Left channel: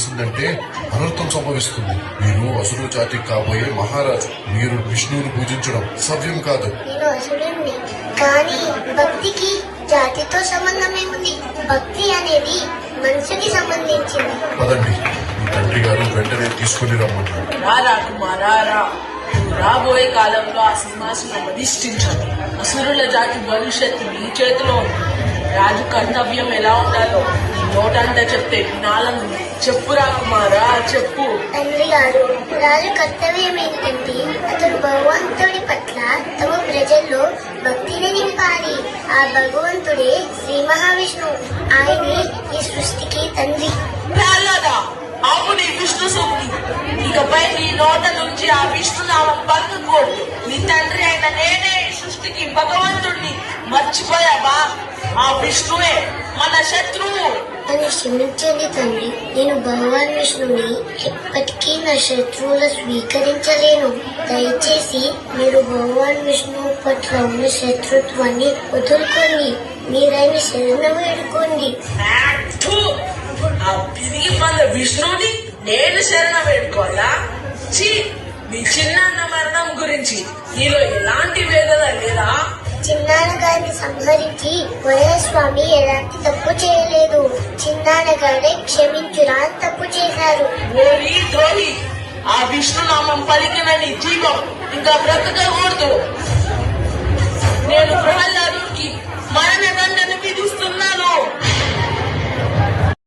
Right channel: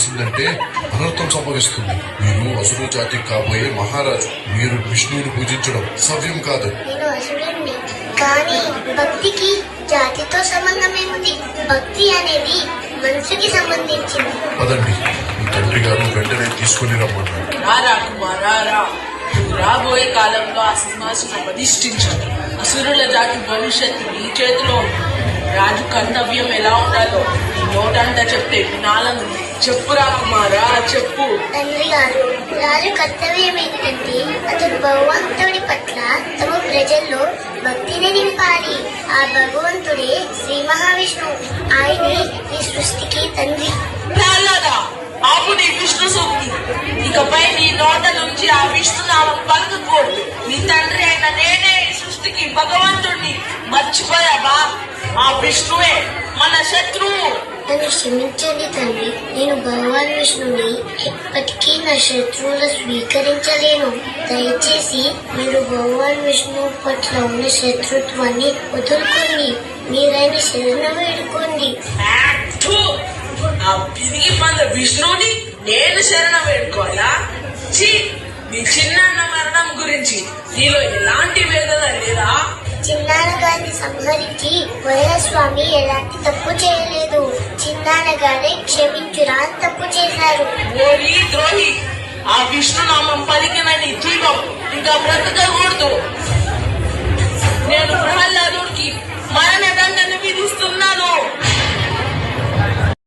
తెలిసిందంటే అనర్థం సంభవిస్తుంది. మీరు అసురు జాతి కాబోయే మహారాజు. మీరు విష్ణువుని పూజించడం సవ్యం కాదు. నేను అసురుణ్ణి, కానీ భక్తికి జాతితో సంబంధం ఏముంది? భక్తి అనేది మనసుకి సంబంధించింది. పదండి, మీ తండ్రి గారు వెంటనే తీసుకుని రమ్మన్నారు. రాబోయే కాలంలో ఆ సింహాసనం అధిష్ఠించారు. అసురుల జాతి భవిష్యత్తు నీ చేతిలో ఉంది. రాజు కర్తవ్యం ఎలా ఉండాలో నోటంట చెప్తే వినాలను చెప్పురా కుమారా, చెప్పు. తండ్రి గారు, రాజు కర్తవ్యం ఏంటంటే అతడు భగవంతుడి పట్ల తమ ప్రజల్లో భక్తిని నింపాలి. ఆ భగవంతుడే శ్రీ మహావిష్ణువు. ఆయనే ఈ సృష్టికి తండ్రి. ఆపు నీ విష్ణు సూక్తి. ఇకపై నీ నోట నుంచి ఆ విష్ణునామం పలుకుకోడు. నీ తండ్రి అయిన నేనే ఈ సృష్టికి భగవంతుడిని. మర్చిపోయావా? ఆ విష్ణువే మన శత్రువు. నన్ను క్షమించండి తండ్రి, నేను భగవాన్ విష్ణుని ఎప్పటికీ నా శత్రువులు స్వీకరించలేను. దయచేసి మీరు భగవాన్ విష్ణువు పట్ల ఉన్న శత్రుత్వాన్ని వదులుకోండి. మీరైన శరణం వేడుకోండి. తిరిగి మన విష్ణుని నేను శరణం వేడుకోవాలా? నీ చిన్న మరణం గురించి నీలో ఎలాంటి వేదన లేదా? చిన్నాన్న గారిని సంహరించి వరస్వామి ఎలాంటి తప్పు చేయలేదు. చిన్నాన్న గారే క్షమించురా తప్పు చేశారు. ఓరి ద్రోహి, ఆ విష్ణునామం పలికిన నీ జీవితం ఇంకా బ్రతకకూడదు. నేను